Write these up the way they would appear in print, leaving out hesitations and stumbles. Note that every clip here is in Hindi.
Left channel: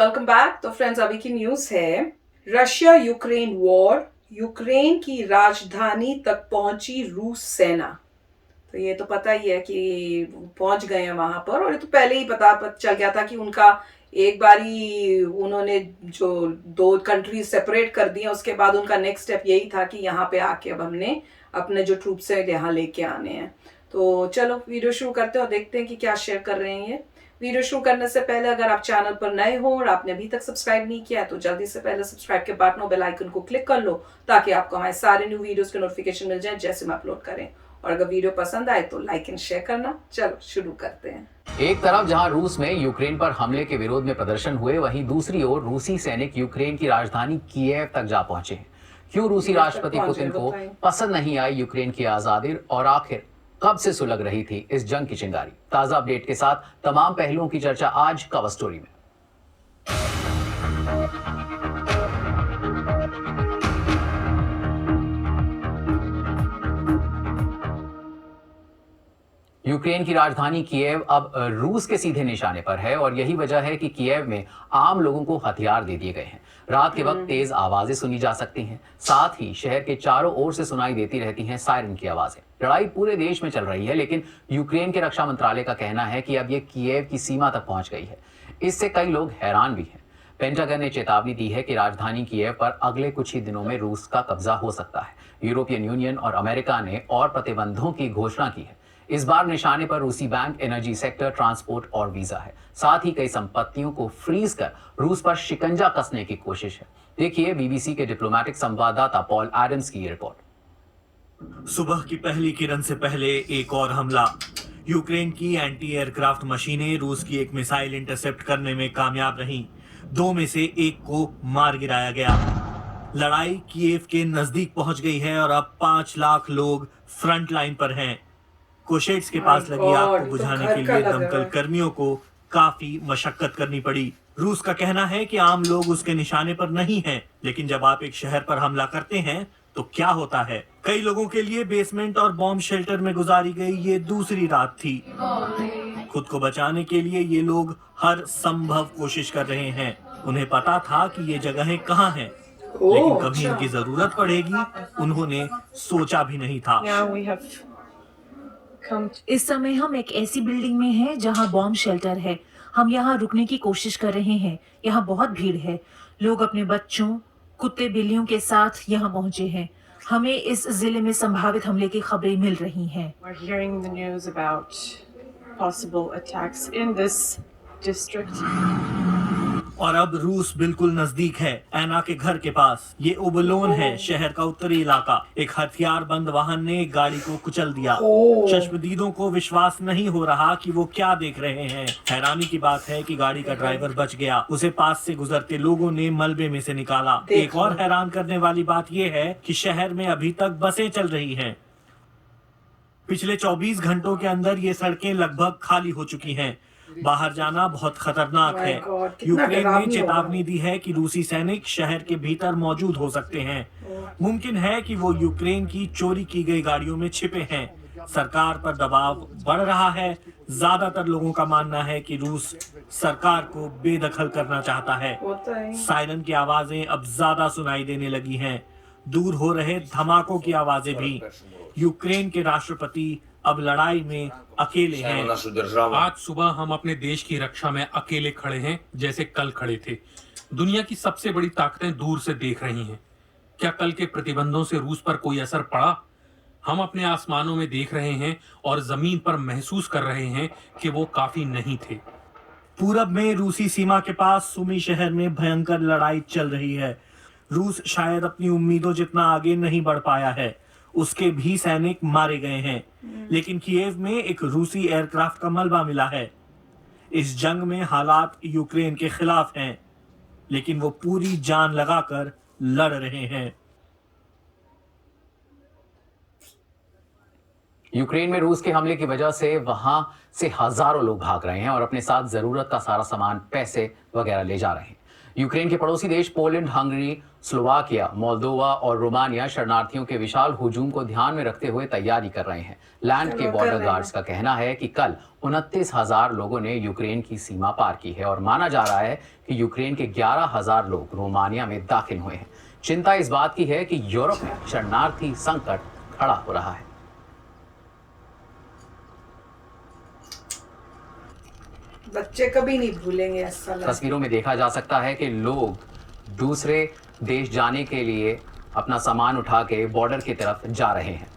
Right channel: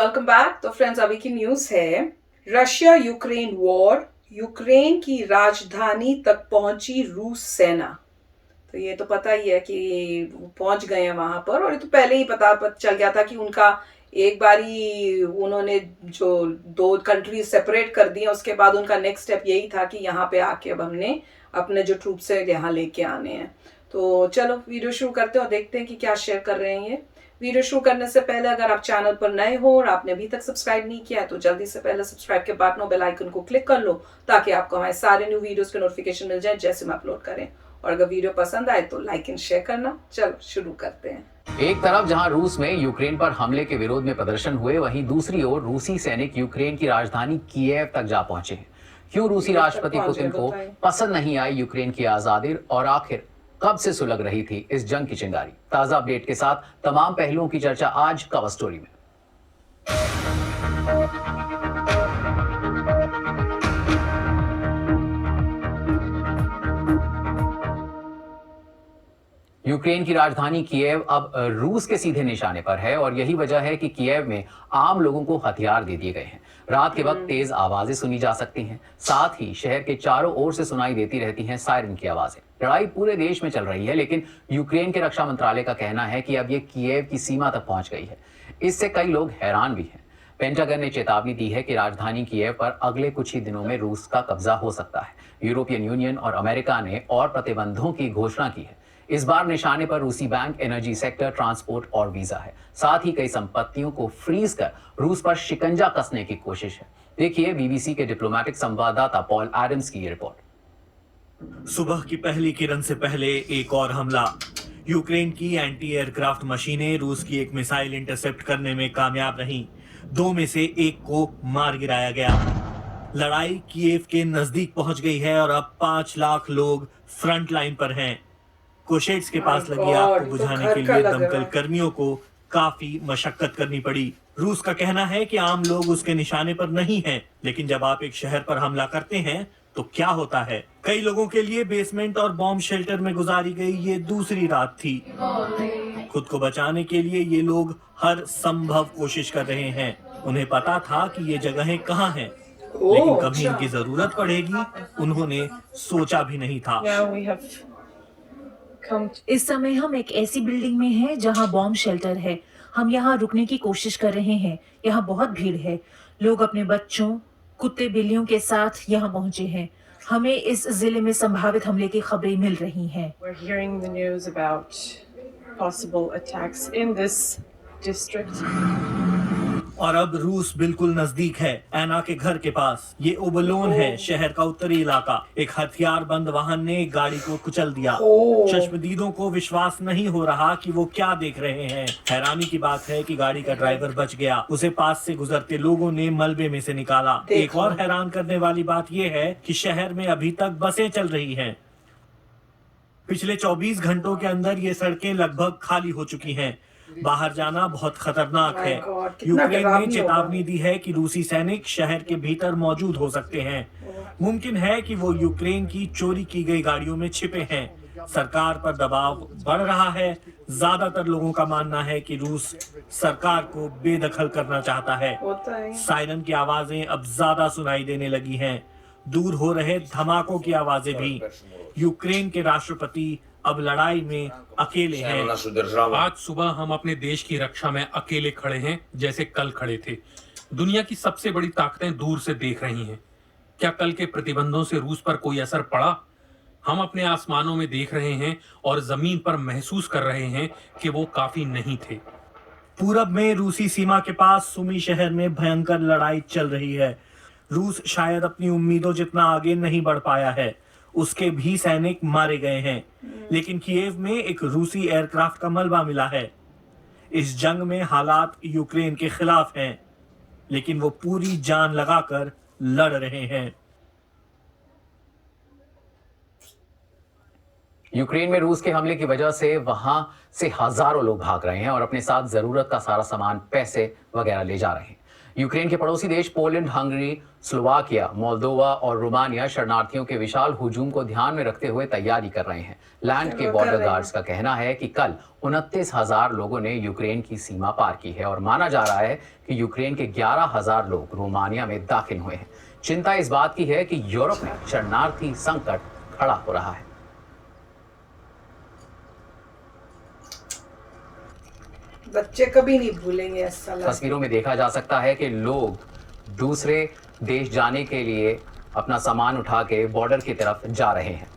Welcome back. तो फ्रेंड्स, अभी की न्यूज़ है, रशिया यूक्रेन वॉर, यूक्रेन की राजधानी तक पहुंची रूस सेना। तो ये तो पता ही है कि वो पहुंच गए हैं वहां पर, और ये तो पहले ही पता चल गया था कि उनका एक बारी उन्होंने जो दो कंट्री सेपरेट कर दी हैं, उसके बाद उनका नेक्स्ट स्टेप यही था कि यहाँ पे आके अब हमने अपने जो ट्रूप्स हैं यहाँ लेके आने हैं। तो चलो वीडियो शुरू करते हैं और देखते हैं कि क्या शेयर कर रहे हैं ये। वीडियो शुरू करने से पहले अगर आप चैनल पर नए हो और आपने अभी तक सब्सक्राइब नहीं किया है तो जल्दी से पहले सब्सक्राइब के बटन और बेल आइकन को क्लिक कर लो, ताकि आपको हमारे सारे न्यू वीडियोस के नोटिफिकेशन मिल जाए जैसे हम अपलोड करें। और अगर वीडियो पसंद आए तो लाइक एंड शेयर करना। चलो शुरू करते हैं। एक तरफ जहां रूस में यूक्रेन पर हमले के विरोध में प्रदर्शन हुए, वहीं दूसरी ओर रूसी सैनिक यूक्रेन की राजधानी कीव तक जा पहुंचे हैं। क्यों रूसी राष्ट्रपति पुतिन को पसंद नहीं आई यूक्रेन की आजादी, और आखिर कब से सुलग रही थी इस जंग की चिंगारी? ताजा अपडेट के साथ तमाम पहलुओं की चर्चा आज कवर स्टोरी में। यूक्रेन की राजधानी कीव अब रूस के सीधे निशाने पर है, और यही वजह है कि कीव में आम लोगों को हथियार दे दिए गए हैं। रात के वक्त तेज आवाजें सुनी जा सकती हैं, साथ ही शहर के चारों ओर से सुनाई देती रहती हैं सायरन की आवाजें। लड़ाई पूरे देश में चल रही है, लेकिन यूक्रेन के रक्षा मंत्रालय का कहना है कि अब ये कीव की सीमा तक पहुंच गई है। इससे कई लोग हैरान भी हैं। पेंटागन ने चेतावनी दी है कि राजधानी कीव पर अगले कुछ ही दिनों में रूस का कब्जा हो सकता है। यूरोपियन यूनियन और अमेरिका ने और प्रतिबंधों की घोषणा की है। इस बार निशाने पर रूसी बैंक, एनर्जी सेक्टर, ट्रांसपोर्ट और वीजा है। साथ ही कई संपत्तियों को फ्रीज कर रूस पर शिकंजा कसने की कोशिश है। देखिए बीबीसी के डिप्लोमेटिक संवाददाता पॉल एडम्स की ये रिपोर्ट। सुबह की पहली किरण से पहले एक और हमला। यूक्रेन की एंटी एयरक्राफ्ट मशीनें रूस की एक मिसाइल इंटरसेप्ट करने में कामयाब रहीं। दो में से एक को मार गिराया गया। लड़ाई कीव के नजदीक पहुंच गई है और अब 5 लाख लोग फ्रंट लाइन पर हैं। कोशेट्स के पास लगी आग को बुझाने के लिए दमकल कर्मियों को काफी मशक्कत करनी पड़ी। रूस का कहना है कि आम लोग उसके निशाने पर नहीं हैं, लेकिन जब आप एक शहर पर हमला करते हैं तो क्या होता है? कई लोगों के लिए बेसमेंट और बॉम्ब शेल्टर में गुजारी गई ये दूसरी रात थी। खुद को बचाने के लिए ये लोग हर संभव कोशिश कर रहे हैं। उन्हें पता था कि ये जगहें कहाँ हैं, लेकिन कभी इनकी जरूरत पड़ेगी उन्होंने सोचा भी नहीं था। इस समय हम एक ऐसी बिल्डिंग में हैं जहां बॉम्ब शेल्टर है। हम यहां रुकने की कोशिश कर रहे हैं। यहां बहुत भीड़ है। लोग अपने बच्चों, कुत्ते, बिल्लियों के साथ यहां पहुंचे हैं। हमें इस जिले में संभावित हमले की खबरें मिल रही हैं। और अब रूस बिल्कुल नजदीक है, एना के घर के पास। ये ओबलोन है, शहर का उत्तरी इलाका। एक हथियारबंद वाहन ने एक गाड़ी को कुचल दिया। चश्मदीदों को विश्वास नहीं हो रहा कि वो क्या देख रहे हैं। हैरानी की बात है कि गाड़ी का ड्राइवर बच गया। उसे पास से गुजरते लोगों ने मलबे में से निकाला। एक और हैरान करने वाली बात यह है कि शहर में अभी तक बसें चल रही हैं। पिछले 24 घंटों के अंदर ये सड़कें लगभग खाली हो चुकी हैं। बाहर जाना बहुत खतरनाक है। यूक्रेन ने चेतावनी दी है कि रूसी सैनिक शहर के भीतर मौजूद हो सकते हैं। मुमकिन है कि वो यूक्रेन की चोरी की गई गाड़ियों में छिपे हैं। सरकार पर दबाव बढ़ रहा है। ज्यादातर लोगों का मानना है कि रूस सरकार को बेदखल करना चाहता है। सायरन की आवाजें अब ज्यादा सुनाई देने लगी हैं। दूर हो रहे धमाकों की आवाजें भी। यूक्रेन के राष्ट्रपति अब लड़ाई में अकेले हैं। आज सुबह हम अपने देश की रक्षा में अकेले खड़े हैं, जैसे कल खड़े थे। दुनिया की सबसे बड़ी ताकतें दूर से देख रही हैं। क्या कल के प्रतिबंधों से रूस पर कोई असर पड़ा? हम अपने आसमानों में देख रहे हैं और जमीन पर महसूस कर रहे हैं कि वो काफी नहीं थे। पूरब में रूसी सीमा के पास सुमी शहर में भयंकर लड़ाई चल रही है। रूस शायद अपनी उम्मीदों जितना आगे नहीं बढ़ पाया है। उसके भी सैनिक मारे गए हैं, लेकिन कीव में एक रूसी एयरक्राफ्ट का मलबा मिला है। इस जंग में हालात यूक्रेन के खिलाफ हैं, लेकिन वो पूरी जान लगाकर लड़ रहे हैं। यूक्रेन में रूस के हमले की वजह से वहां से हजारों लोग भाग रहे हैं और अपने साथ जरूरत का सारा सामान, पैसे वगैरह ले जा रहे हैं। यूक्रेन के पड़ोसी देश पोलैंड, हंगरी, स्लोवाकिया, मोल्दोवा और रोमानिया शरणार्थियों के विशाल हुजूम को ध्यान में रखते हुए तैयारी कर रहे हैं। लैंड के बॉर्डर गार्ड्स का कहना है कि कल 29,000 लोगों ने यूक्रेन की सीमा पार की है और माना जा रहा है कि यूक्रेन के 11,000 लोग रोमानिया में दाखिल हुए हैं। चिंता इस बात की है कि यूरोप में शरणार्थी संकट खड़ा हो रहा है। बच्चे कभी नहीं भूलेंगे ऐसा लगता है। तस्वीरों में देखा जा सकता है कि लोग दूसरे देश जाने के लिए अपना सामान उठा के बॉर्डर की तरफ जा रहे हैं।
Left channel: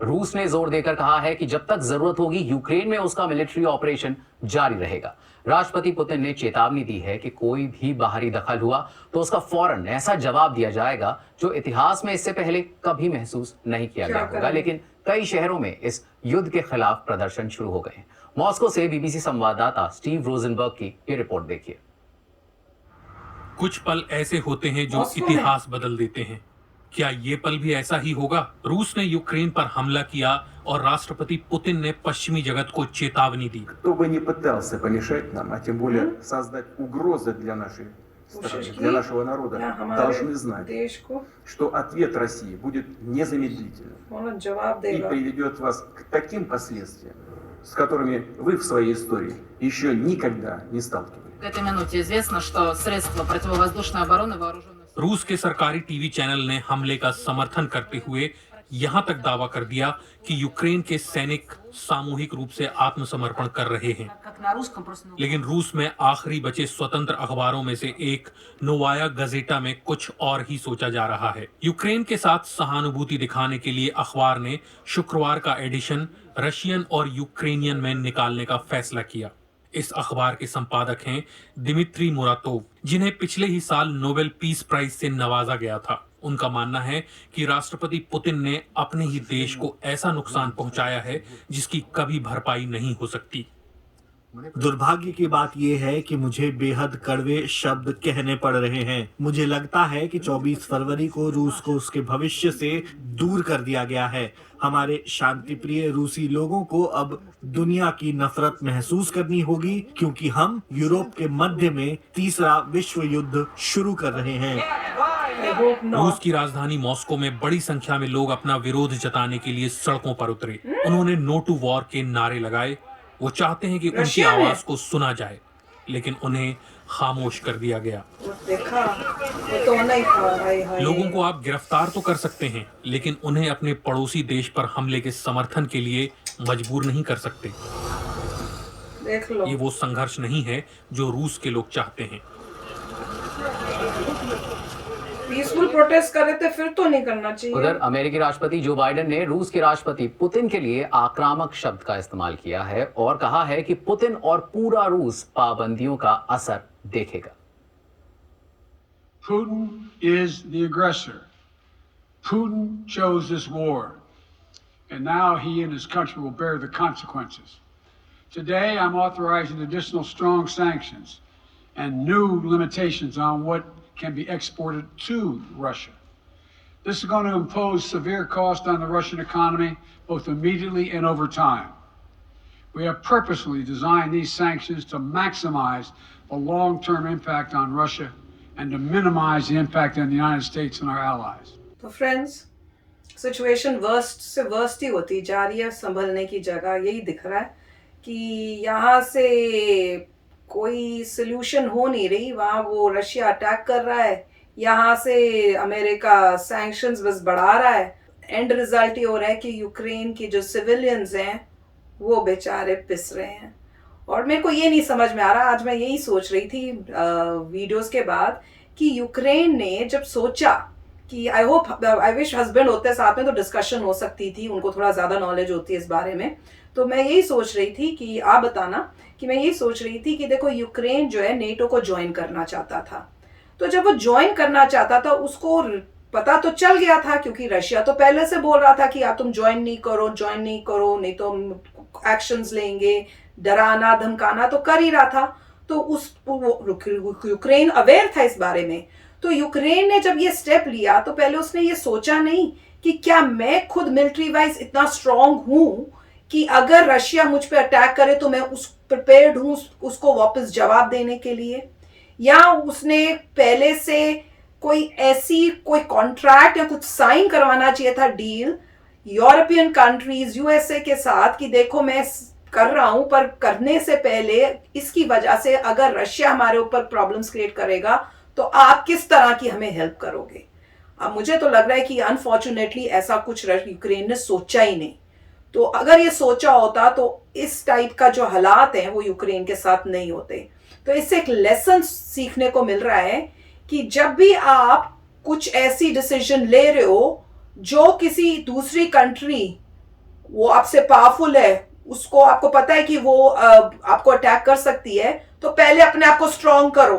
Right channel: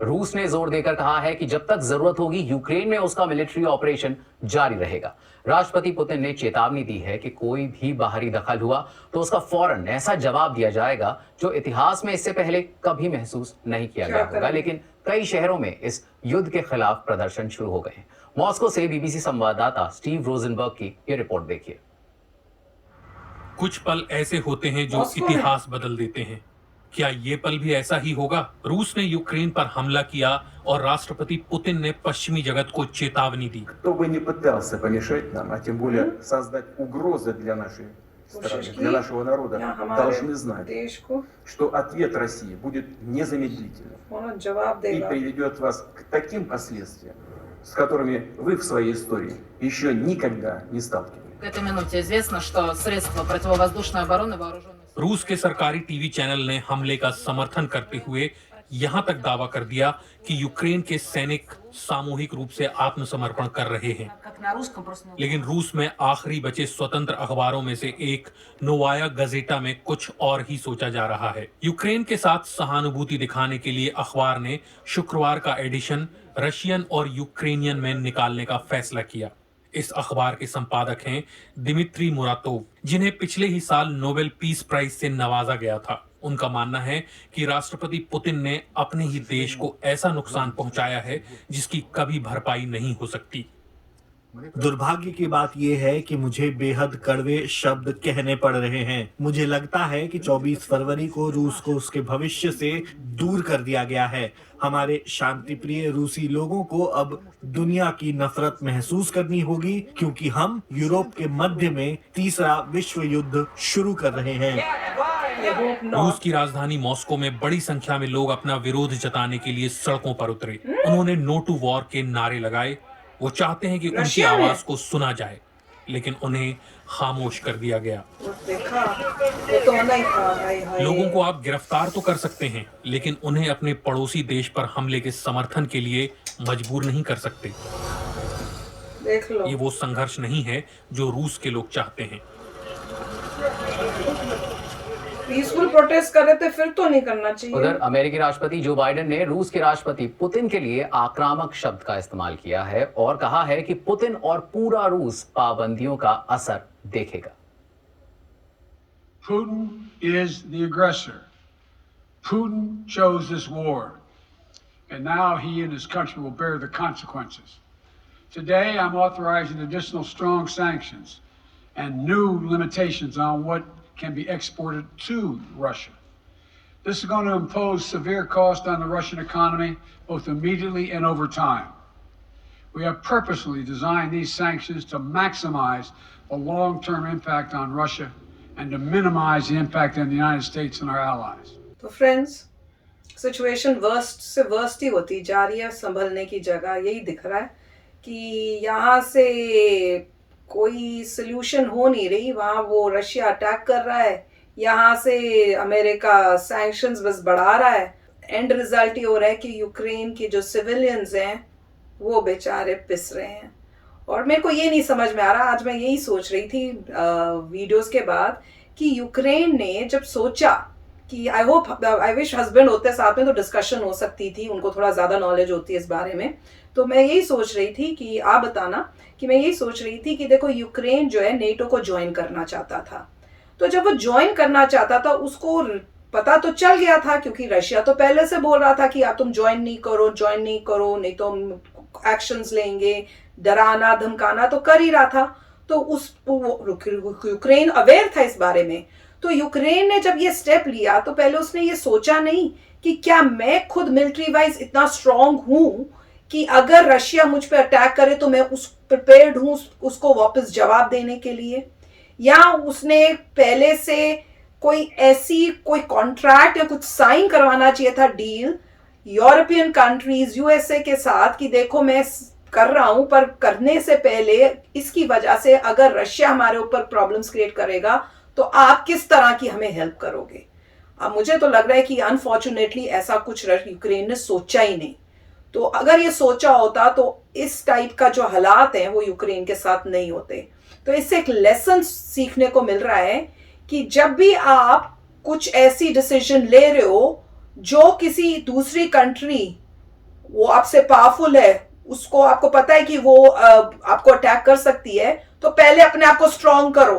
रूस ने जोर देकर कहा है कि जब तक जरूरत होगी यूक्रेन में उसका मिलिट्री ऑपरेशन जारी रहेगा। राष्ट्रपति पुतिन ने चेतावनी दी है कि कोई भी बाहरी दखल हुआ तो उसका फौरन ऐसा जवाब दिया जाएगा जो इतिहास में इससे पहले कभी महसूस नहीं किया गया होगा। लेकिन कई शहरों में इस युद्ध के खिलाफ प्रदर्शन शुरू हो गए हैं। मॉस्को से बीबीसी संवाददाता स्टीव रोजनबर्ग की ये रिपोर्ट देखिए। कुछ पल ऐसे होते हैं जो मॉस्को में? इतिहास बदल देते हैं। क्या ये पल भी ऐसा ही होगा? रूस ने यूक्रेन पर हमला किया और राष्ट्रपति पुतिन ने पश्चिमी जगत को चेतावनी दी। Кто бы ни пытался помешать нам, а тем более создать угрозы для нашей страны, для нашего народа, должны знать, देश को что ответ России будет незамедлительным कौन जवाब и देगा? приведет вас к таким последствиям, с которыми вы в своей истории еще никогда не сталкивались. К этой минуте известно, что средства противовоздушной обороны вооруженных сил रूस के सरकारी टीवी चैनल ने हमले का समर्थन करते हुए यहां तक दावा कर दिया कि यूक्रेन के सैनिक सामूहिक रूप से आत्मसमर्पण कर रहे हैं। как на русском просто लेकिन रूस में आखिरी बचे स्वतंत्र अखबारों में से एक नोवाया गजेटा में कुछ और ही सोचा जा रहा है। यूक्रेन के साथ सहानुभूति दिखाने के लिए अखबार ने शुक्रवार का एडिशन रशियन और यूक्रेनियन में निकालने का फैसला किया। इस अखबार के संपादक हैं दिमित्री मुरातोव, जिन्हें पिछले ही साल नोबेल पीस प्राइज से नवाजा गया था। उनका मानना है कि राष्ट्रपति पुतिन ने अपने ही देश को ऐसा नुकसान पहुंचाया है जिसकी कभी भरपाई नहीं हो सकती। दुर्भाग्य की बात यह है कि मुझे बेहद कड़वे शब्द कहने पड़ रहे हैं। मुझे लगता है कि 24 फरवरी को रूस को उसके भविष्य से दूर कर दिया गया है। हमारे शांतिप्रिय रूसी लोगों को अब दुनिया की नफरत महसूस करनी होगी क्योंकि हम यूरोप के मध्य में तीसरा विश्व युद्ध शुरू कर रहे हैं। I hope not. रूस की राजधानी मॉस्को में बड़ी संख्या में लोग अपना विरोध जताने के लिए सड़कों पर उतरे। उन्होंने नो टू वॉर के नारे लगाए। वो चाहते हैं कि उनकी रशिया में? आवाज को सुना जाए, लेकिन उन्हें खामोश कर दिया गया। देखा वो तो मना ही था। हाय हाय। लोगों को आप गिरफ्तार तो कर सकते हैं, लेकिन उन्हें अपने पड़ोसी देश पर हमले के समर्थन के लिए मजबूर नहीं कर सकते। देख लो ये वो संघर्ष नहीं है जो रूस के लोग चाहते हैं। पीसफुल प्रोटेस्ट कर रहे थे, फिर तो नहीं करना चाहिए। उधर अमेरिकी राष्ट्रपति जो बाइडेन ने रूस के राष्ट्रपति पुतिन के लिए आक्रामक शब्द का इस्तेमाल किया है और कहा है कि पुतिन और पूरा रूस पाबंदियों का असर देखेगा। Putin is the aggressor. Putin chose this war, and now he and his country will bear the consequences. Today, I'm authorizing additional strong sanctions and new limitations on what can be exported to Russia. This is going to impose severe cost on the Russian economy, both immediately and over time. We have purposely designed these sanctions to maximize the long-term impact on Russia and to minimize the impact on the United States and our allies. तो फ्रेंड्स, सिचुएशन वर्स्ट से वर्स्ट ही होती जा रही है। संभलने की जगह यही दिख रहा है कि यहाँ से कोई सोल्यूशन हो नहीं रही। वहाँ वो रशिया अटैक कर रहा है, यहाँ से अमेरिका सैंक्शंस बस बढ़ा रहा है। एंड रिजल्ट ये हो रहा है कि यूक्रेन के जो सिविलियंस हैं वो बेचारे पिस रहे हैं। और मेरे को ये नहीं समझ में आ रहा, आज मैं यही सोच रही थी वीडियोस के बाद कि यूक्रेन ने जब सोचा कि आई विश हस्बैंड होते साथ में तो डिस्कशन हो सकती थी, उनको थोड़ा ज़्यादा नॉलेज होती है इस बारे में। तो मैं यही सोच रही थी कि आप बताना कि मैं यही सोच रही थी कि देखो यूक्रेन जो है नेटो को ज्वाइन करना चाहता था। तो जब वो ज्वाइन करना चाहता था उसको पता तो चल गया था, क्योंकि रशिया तो पहले से बोल रहा था कि आप तुम ज्वाइन नहीं करो नहीं तो हम एक्शंस लेंगे, डराना धमकाना तो कर ही रहा था। तो यूक्रेन अवेयर था इस बारे में। तो यूक्रेन ने जब ये स्टेप लिया तो पहले उसने ये सोचा नहीं कि क्या मैं खुद मिलिट्री वाइज इतना स्ट्रांग हूं कि अगर रशिया मुझ पे अटैक करे तो मैं प्रिपेयर्ड हूं उसको वापस जवाब देने के लिए, या उसने पहले से कोई कॉन्ट्रैक्ट या कुछ साइन करवाना चाहिए था डील यूरोपियन कंट्रीज यूएसए के साथ कि देखो मैं कर रहा हूं, पर करने से पहले इसकी वजह से अगर रशिया हमारे ऊपर प्रॉब्लम्स क्रिएट करेगा तो आप किस तरह की हमें हेल्प करोगे। अब मुझे तो लग रहा है कि अनफॉर्चुनेटली ऐसा कुछ यूक्रेन ने सोचा ही नहीं। तो अगर ये सोचा होता तो इस टाइप का जो हालात हैं वो यूक्रेन के साथ नहीं होते। तो इससे एक लेसन सीखने को मिल रहा है कि जब भी आप कुछ ऐसी डिसीजन ले रहे हो जो किसी दूसरी कंट्री वो आपसे पावरफुल है, उसको आपको पता है कि वो आपको अटैक कर सकती है, तो पहले अपने आप को स्ट्रांग करो,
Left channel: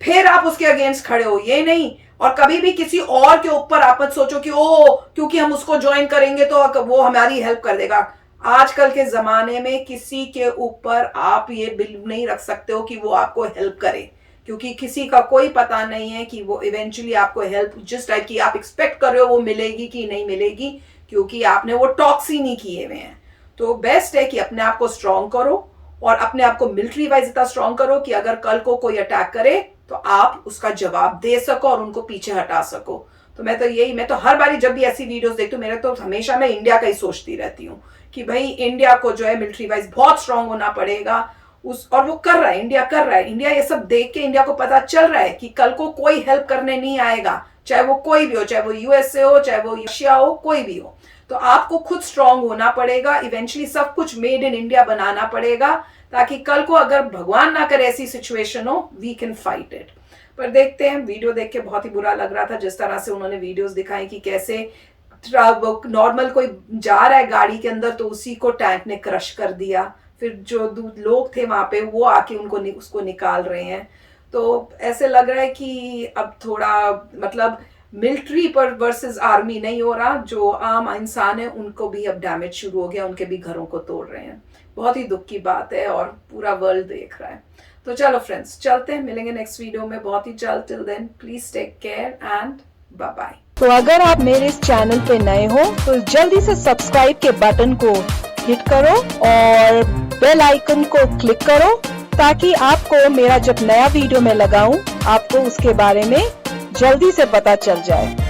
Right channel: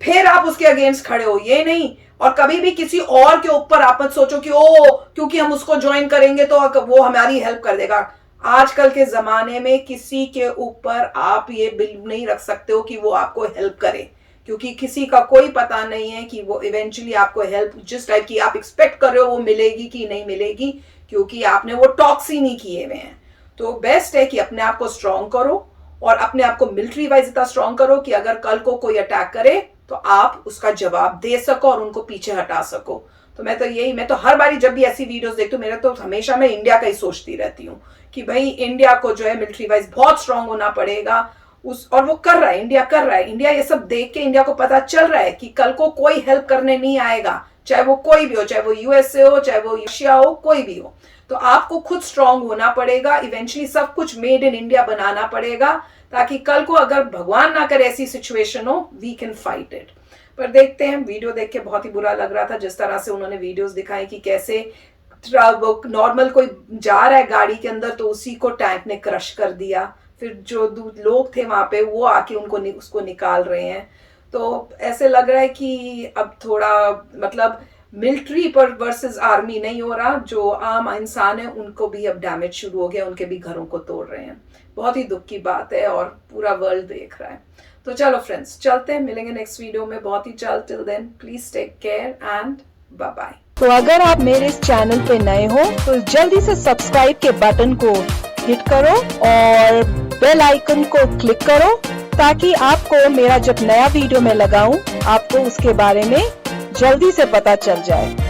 फिर आप उसके अगेंस्ट खड़े हो। ये नहीं, और कभी भी किसी और के ऊपर आप मत सोचो कि क्योंकि हम उसको ज्वाइन करेंगे तो वो हमारी हेल्प कर देगा। आजकल के जमाने में किसी के ऊपर आप ये बिलीव नहीं रख सकते हो कि वो आपको हेल्प करे, क्योंकि किसी का कोई पता नहीं है कि वो इवेंचुअली आपको हेल्प जिस टाइप की आप एक्सपेक्ट कर रहे हो वो मिलेगी कि नहीं मिलेगी, क्योंकि आपने वो टॉक्स ही नहीं किए हुए हैं। तो बेस्ट है कि अपने आप को स्ट्रांग करो और अपने आप को मिलिट्री वाइज इतना स्ट्रांग करो कि अगर कल को कोई अटैक करे तो आप उसका जवाब दे सको और उनको पीछे हटा सको। तो मैं तो हर बारी जब भी ऐसी वीडियोस देखती हूँ, मेरा तो हमेशा मैं इंडिया का ही सोचती रहती हूँ कि भाई इंडिया को जो है मिलिट्री वाइज बहुत स्ट्रांग होना पड़ेगा। और वो कर रहा है, इंडिया कर रहा है। इंडिया ये सब देख के इंडिया को पता चल रहा है कि कल को कोई हेल्प करने नहीं आएगा, चाहे वो कोई भी हो, चाहे वो यूएसए हो, चाहे वो रशिया हो, कोई भी हो। तो आपको खुद स्ट्रांग होना पड़ेगा, इवेंचुअली सब कुछ मेड इन इंडिया बनाना पड़ेगा, ताकि कल को अगर भगवान ना करे ऐसी सिचुएशन हो, वी कैन फाइट इट। पर देखते हैं, वीडियो देख के बहुत ही बुरा लग रहा था जिस तरह से उन्होंने वीडियोस दिखाई कि कैसे नॉर्मल कोई जा रहा है गाड़ी के अंदर तो उसी को टैंक ने क्रश कर दिया, फिर जो लोग थे वहां पे वो आके उसको निकाल रहे हैं। तो ऐसे लग रहा है कि अब थोड़ा मतलब मिलिट्री पर वर्सेस आर्मी नहीं हो रहा, जो आम इंसान है उनको भी अब डैमेज शुरू हो गया, उनके भी घरों को तोड़ रहे हैं। बहुत ही दुख की बात है और पूरा वर्ल्ड देख रहा है। तो चलो फ्रेंड्स, चलते हैं, मिलेंगे नेक्स्ट वीडियो में बहुत ही जल्द। Till then please take care and bye bye. तो अगर आप मेरे इस चैनल पे नए हो तो जल्दी से सब्सक्राइब के बटन को हिट करो और बेल आइकन को क्लिक करो, ताकि आपको मेरा जब नया वीडियो मैं लगाऊं आपको उसके बारे में जल्दी से पता चल जाए।